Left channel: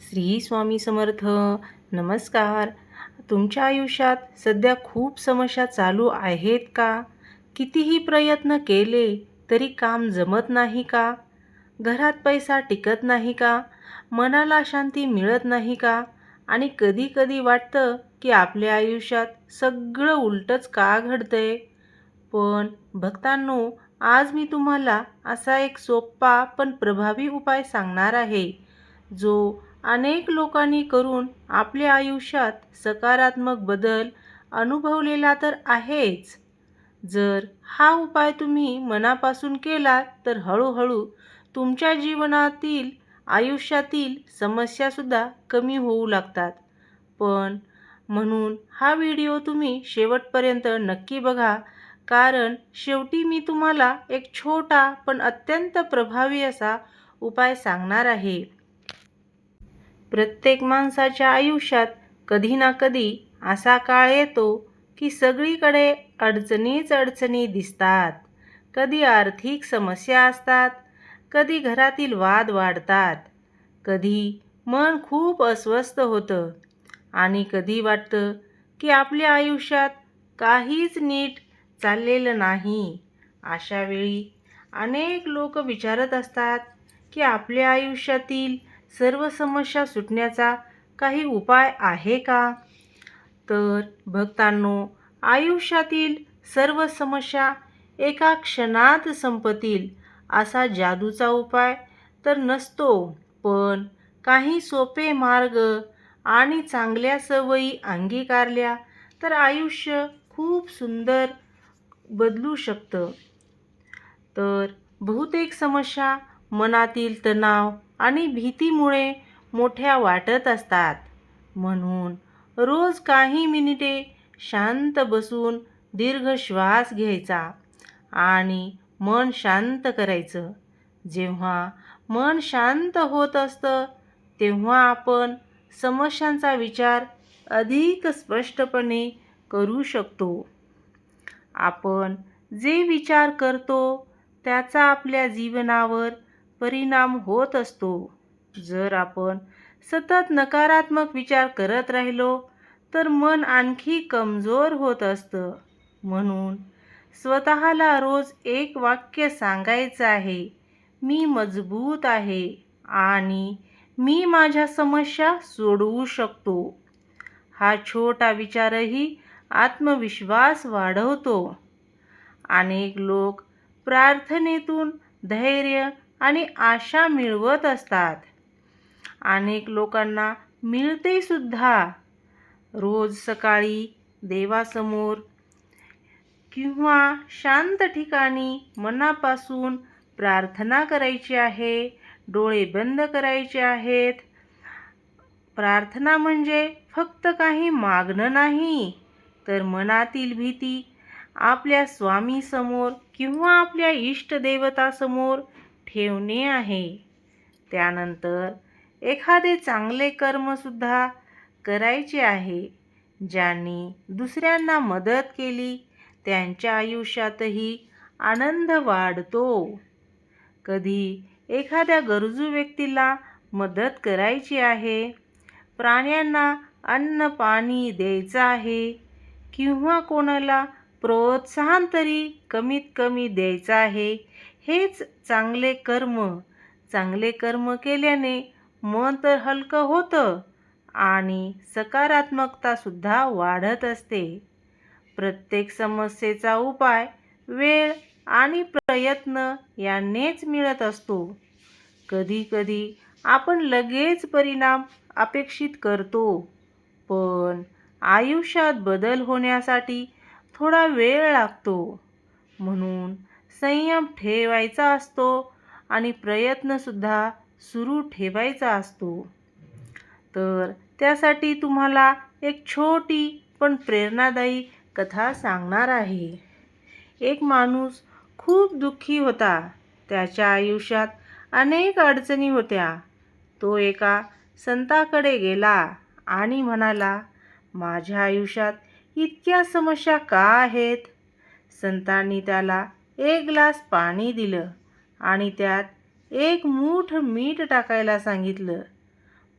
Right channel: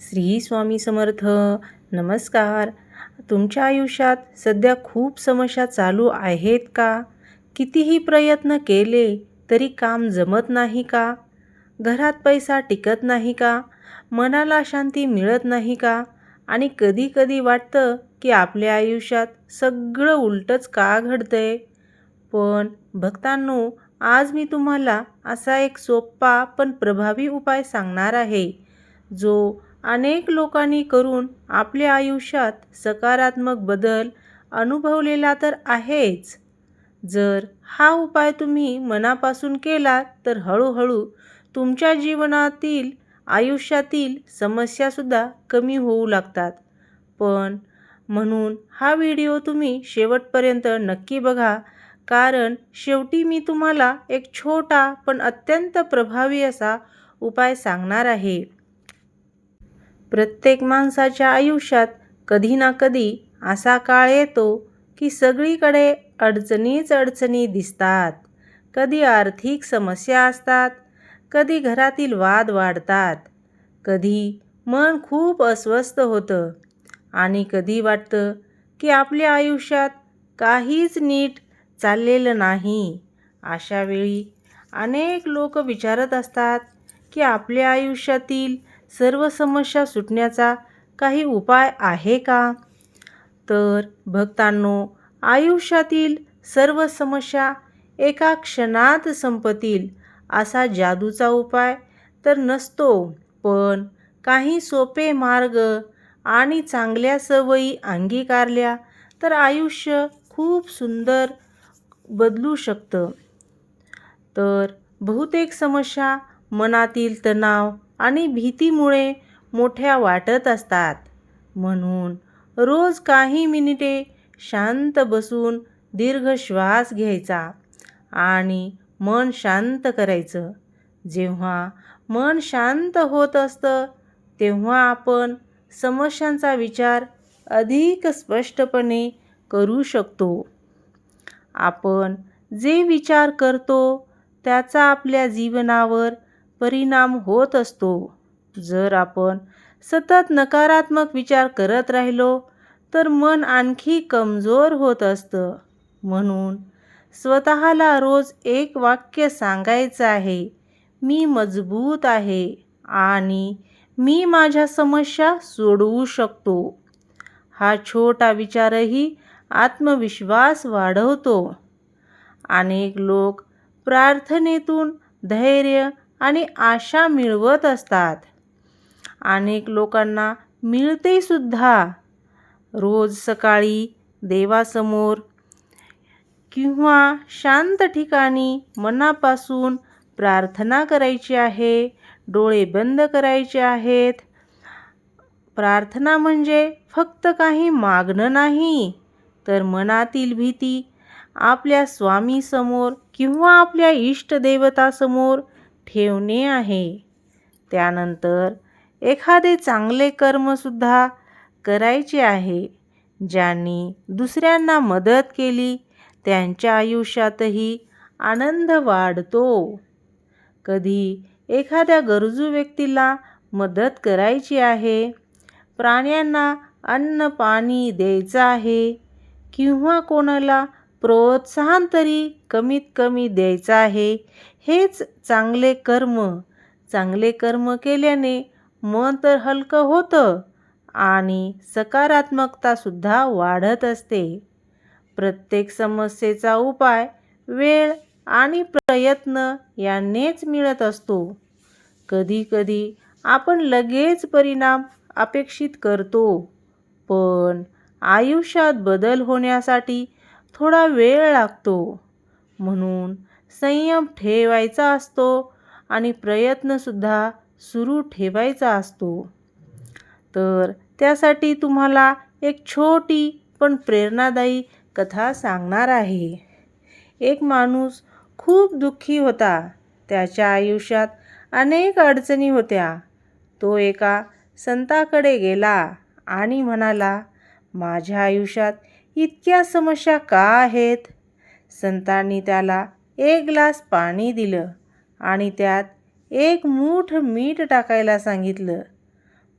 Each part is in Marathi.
श्री स्वामी समर्थ. नमस्कार. तुमच्या आयुष्यात सध्या खूप समस्या चालू आहेत का? कितीही प्रयत्न केले तरी काम जमत नाही का? घरात पैसा टिकत नाही का? मनाला शांती मिळत नाही का? आणि कधी कधी वाटतं की आपल्या आयुष्यात सगळं उलटच का घडतंय? पण भक्तांनो, आज मी तुम्हाला असा एक सोपा पण प्रभावी उपाय सांगणार आहे, जो अनेक लोकांनी करून आपल्या आयुष्यात सकारात्मक बदल अनुभवलेला तर आहेच. जर हा उपाय तुम्ही मनापासून केला तर हळूहळू तुमच्या जीवनातील आयुष्यातील समस्यासुद्धा कमी होऊ लागतात. पण म्हणून हा व्हिडिओ तुम्ही शेवटपर्यंत नक्की बघा, कारण शेवटी मी तुम्हाला एक छोटा पण अत्यंत प्रभावी असा उपाय सांगणार आहे. प्रत्येक माणसाच्या आयुष्यात कधी ना कधी असा काळ येतो की सगळीकडे अडचणीच अडचणी दिसतात. कधी आर्थिक समस्या असतात, कधी घरातील वाद वाढतात, कधी मन खूप अस्वस्थ होतं आणि कधी वाटतं की आपल्या आयुष्यात काहीच नीट चाललेलं नाही. अशा वेळी अनेक लोक विचारत असतात की आपल्या आयुष्यातील सर्व समस्या सुटण्याचा काही उपाय आहे का? तर भक्तांनो, आयुष्यातील सर्व समस्या एका क्षणात संपतील असा जादूचा उपाय तर नसतो, पण काही सोपे मार्ग आणि चांगल्या सवयी अंगीकारल्या तर आयुष्य खूप सुंदर बदलू शकतं. तर बहुतेक समस्या मनातील तणाव आणि भीतीमुळे मोठ्या वाटत असतात. म्हणून रोज काही मिनिटे शांत बसून दीर्घ श्वास घ्यायचा आणि मन शांत करायचं. जेव्हा मन शांत होत असतं तेव्हा आपण समस्यांचा विचार अधिक स्पष्टपणे करू शकतो. आपण जे विचार करतो त्याचा आपल्या जीवनावर परिणाम होत असतो. जर आपण सतत नकारात्मक विचार करत राहिलो तर मन आणखी कमजोर होत असतं. म्हणून स्वतःला रोज एक वाक्य सांगायचं आहे, मी मजबूत आहे आणि मी माझ्या समस्या सोडवू शकतो. हा छोटा विचारही आत्मविश्वास वाढवतो. अनेक लोक प्रार्थनेतून धैर्य आणि आशा मिळवत असतात. अनेक लोकांना मिळते सुद्धा. रोज सकाळी देवासमोर किंवा शांत ठिकाणी मनापासून प्रार्थना करायची आहे. डोळे बंद करायचे आहेत. प्रार्थना म्हणजे फक्त काही मागणं नाही, तर मनातील भीती आपल्या स्वामीसमोर किंवा आपल्या इष्टदेवतासमोर ठेवणे आहे. त्यानंतर एखादे चांगले कर्मसुद्धा करायचे आहे. ज्यांनी दुसऱ्यांना मदत केली त्यांच्या आयुष्यातही आनंद वाढतो. कधी एखाद्या गरजू व्यक्तीला मदत करायची आहे, प्राण्यांना अन्न पाणी द्यायचं आहे किंवा कोणाला प्रोत्साहन तरी कमीत कमी द्यायचं आहे. हेच चांगले कर्म. चांगले कर्म केल्याने मन तर हलकं होतं आणि सकारात्मकतासुद्धा वाढत असते. प्रत्येक समस्येचा उपाय वेळ आणि प्रयत्न यांनीच मिळत असतो. कधी कधी आपण लगेच परिणाम अपेक्षित करतो, पण आयुष्यात बदल होण्यासाठी थोडा वेळ लागतो. म्हणून संयम ठेवायचा असतो आणि प्रयत्नसुद्धा सुरू ठेवायचा असतो. तर त्यासाठी तुम्हाला एक छोटी पण प्रेरणादायी कथा सांगणार आहे. एक माणूस खूप दुःखी होता. त्याच्या आयुष्यात अनेक अडचणी होत्या. तो एका संताकडे गेला आणि म्हणाला, माझ्या आयुष्यात इतक्या समस्या का आहेत? संतांनी त्याला एक ग्लास पाणी दिलं आणि त्यात एक मूठ मीठ टाकायला सांगितलं.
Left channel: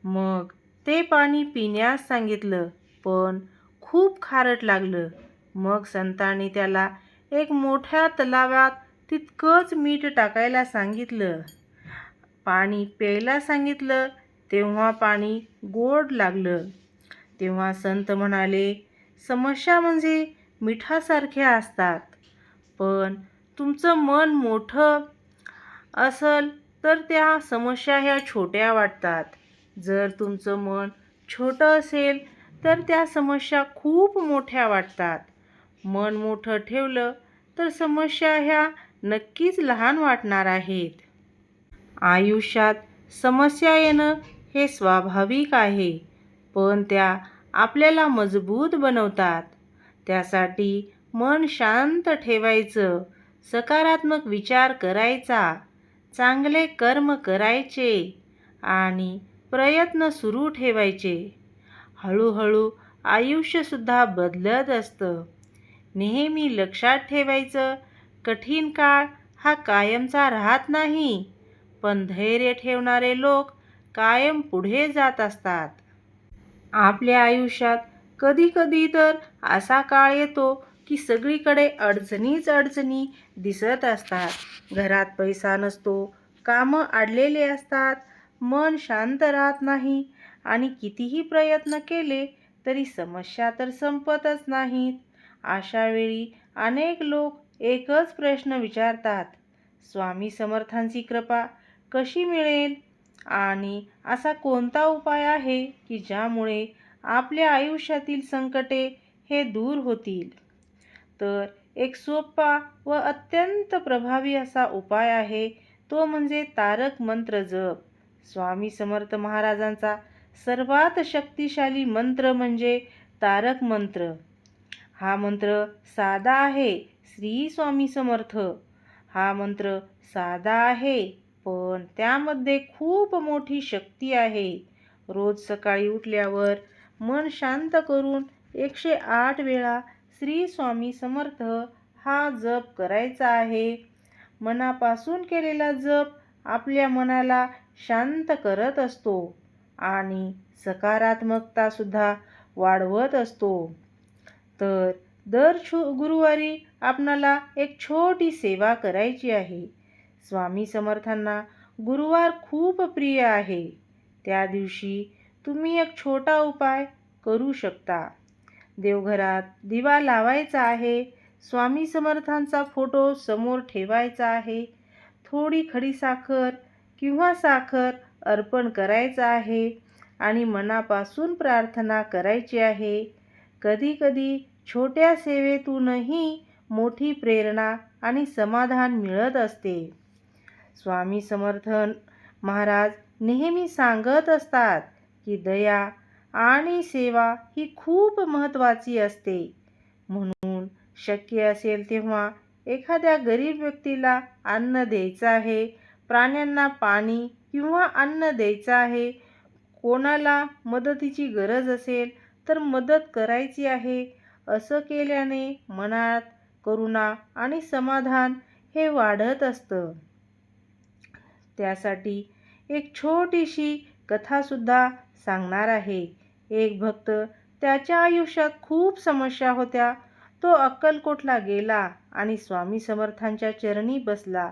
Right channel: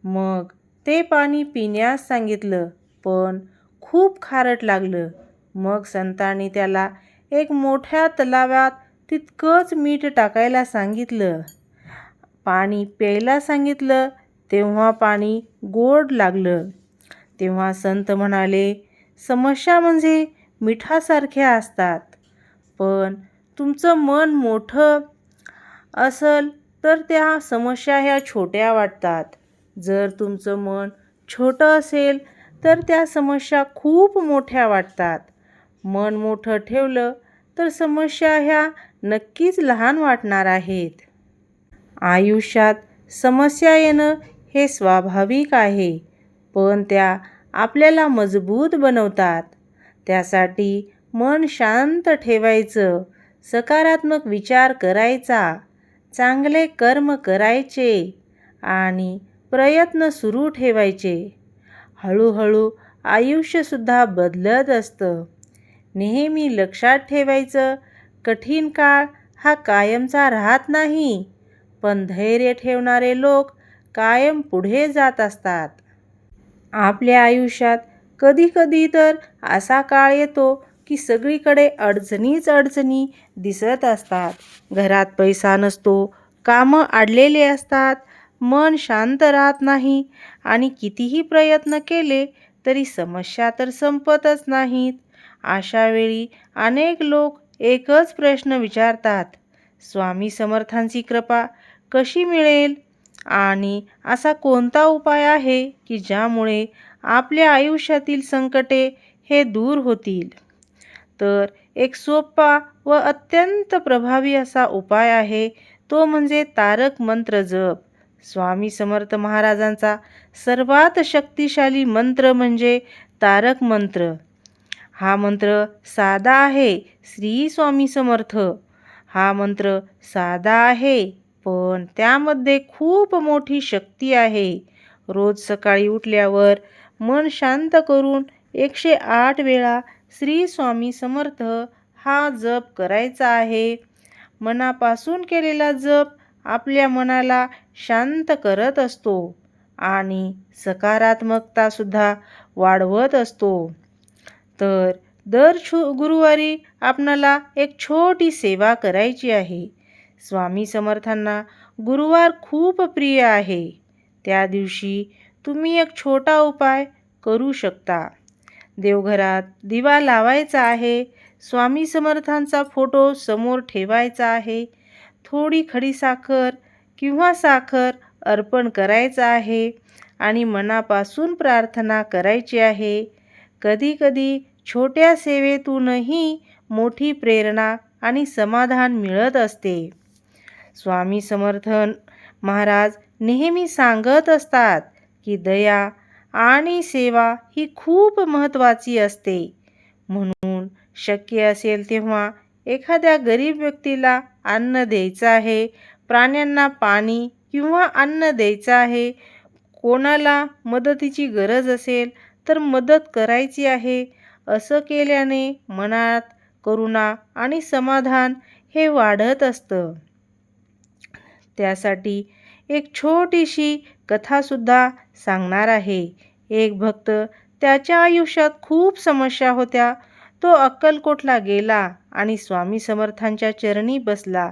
मग ते पाणी पिण्यास सांगितलं, पण खूप खारट लागलं. मग संतांनी त्याला एक मोठ्या तलावात तितकंच मीठ टाकायला सांगितलं. पाणी प्यायला सांगितलं, तेव्हा पाणी गोड लागलं. तेव्हा संत म्हणाले, समस्या म्हणजे मिठासारख्या असतात, पण तुमचं मन मोठं असेल तर त्या समस्या ह्या छोट्या वाटतात. जर तुमचं मन छोटं असेल तर त्या समस्या खूप मोठ्या वाटतात. मन मोठं ठेवलं तर समस्या ह्या नक्कीच लहान वाटणार आहेत. आयुष्यात समस्या येणं हे स्वाभाविक आहे, पण त्या आपल्याला मजबूत बनवतात. त्यासाठी मन शांत ठेवायचं, सकारात्मक विचार करायचा, चांगले कर्म करायचे आणि प्रयत्न सुरू ठेवायचे. हळूहळू आयुष्यसुद्धा बदलत असतं. नेहमी लक्षात ठेवायचं, कठीण काळ हा कायमचा राहत नाही, पण धैर्य ठेवणारे लोक कायम पुढे जात असतात. आपल्या आयुष्यात कधी-कधी तर असा काळ येतो की सगळीकडे अडचणीच अडचणी दिसत असतात. घरात पैसा नसतो, कामं अडलेले असतात, मन शांत राहत नाही आणि कितीही प्रयत्न केले तरी समस्या तर संपतच नाहीत. अशा वेळी अनेक लोक एकच प्रश्न विचारतात, स्वामी समर्थांची कृपा कशी मिळेल? आणि असा कोणता उपाय आहे की ज्यामुळे आपल्या आयुष्यातील संकटे हे दूर होतील? तर एक सोपा व अत्यंत प्रभावी असा उपाय आहे, तो म्हणजे तारक मंत्र जप. स्वामी समर्थ महाराजांचा सर्वात शक्तिशाली मंत्र म्हणजे तारक मंत्र. हा मंत्र साधा आहे, श्री स्वामी समर्थ. हा मंत्र साधा आहे, पण त्यामध्ये खूप मोठी शक्ती आहे. रोज सकाळी उठल्यावर मन शांत करून 108 वेळा श्री स्वामी समर्थ हा जप करायचा आहे. मनापासून केलेला जप आपल्या मनाला शांत करत असतो आणि सकारात्मकतासुद्धा वाढवत असतो. तर दर गुरुवारी आपणाला एक छोटी सेवा करायची आहे. स्वामी समर्थांना गुरुवार खूप प्रिय आहे. त्या दिवशी तुम्ही एक छोटा उपाय करू शकता. देवघरात दिवा लावायचा आहे, स्वामी समर्थांचा फोटो समोर ठेवायचा आहे, थोडी खडीसाखर किंवा साखर अर्पण करायचं आहे आणि मनापासून प्रार्थना करायची आहे. कधीकधी छोट्या सेवेतूनही मोठी प्रेरणा आणि समाधान मिळत असते. स्वामी समर्थ महाराज नेहमी सांगत असतात की दया आणि सेवा ही खूप महत्त्वाची असते. म्हणून शक्य असेल तेव्हा एखाद्या गरीब व्यक्तीला अन्न द्यायचं आहे, प्राण्यांना पाणी किंवा अन्न द्यायचं आहे, कोणाला मदतीची गरज असेल तर मदत करायची आहे. असं केल्याने मनात करुणा आणि समाधान हे वाढत असतं. त्यासाठी एक छोटीशी कथासुद्धा सांगणार आहे. एक भक्त, त्याच्या आयुष्यात खूप समस्या होत्या. तो अक्कलकोटला गेला आणि स्वामी समर्थांच्या चरणी बसला.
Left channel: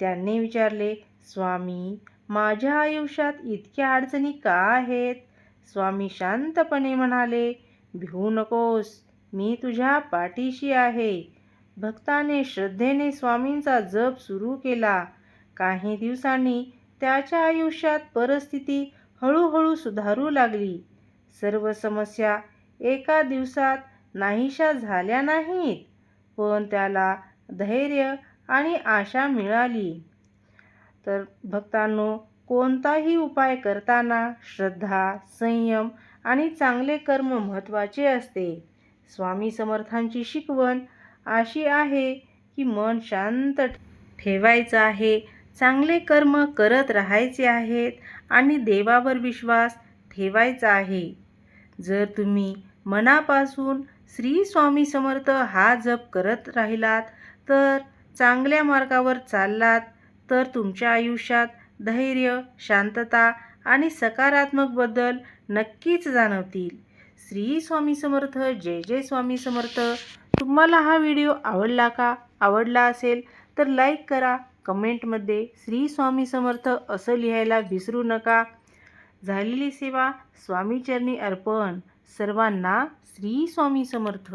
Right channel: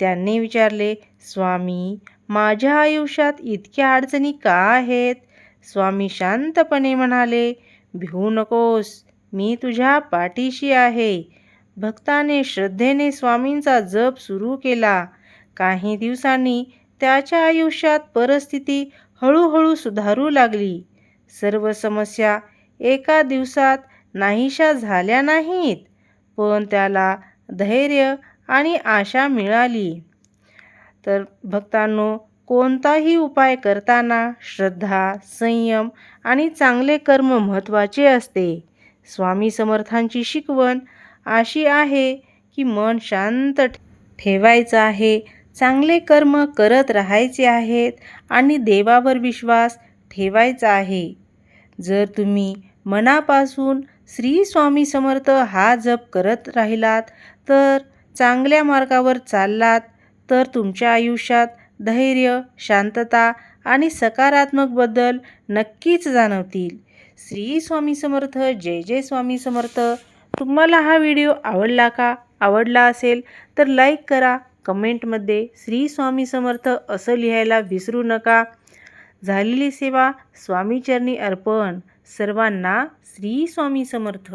त्यांनी विचारले, स्वामी, माझ्या आयुष्यात इतक्या अडचणी का आहेत? स्वामी शांतपणे म्हणाले, भिवू नकोस, मी तुझ्या पाठीशी आहे. भक्ताने श्रद्धेने स्वामींचा जप सुरू केला. काही दिवसांनी त्याच्या आयुष्यात परिस्थिती हळूहळू सुधारू लागली. सर्व समस्या एका दिवसात नाहीशा झाल्या नाहीत, पण त्याला धैर्य आणि आशा मिळाली. तर भक्तांनो, कोणताही उपाय करताना श्रद्धा, संयम आणि चांगले कर्म महत्त्वाचे असते. स्वामी समर्थांची शिकवण अशी आहे की मन शांत ठेवायचं आहे, चांगले कर्म करत राहायचे आहेत आणि देवावर विश्वास ठेवायचा आहे. जर तुम्ही मनापासून श्री स्वामी समर्थ हा जप करत राहिलात, तर चांगल्या मार्गावर चाललात, तर तुमच्या आयुष्यात धैर्य, शांतता आणि सकारात्मक बदल नक्कीच जाणवतील. श्री स्वामी समर्थ. जय जय स्वामी समर्थ. तुम्हाला हा व्हिडिओ आवडला का? आवडला असेल तर लाईक करा. कमेंटमध्ये श्री स्वामी समर्थ असं लिहायला विसरू नका. झालेली सेवा स्वामीचरणी अर्पण. सर्वांना श्री स्वामी समर्थ.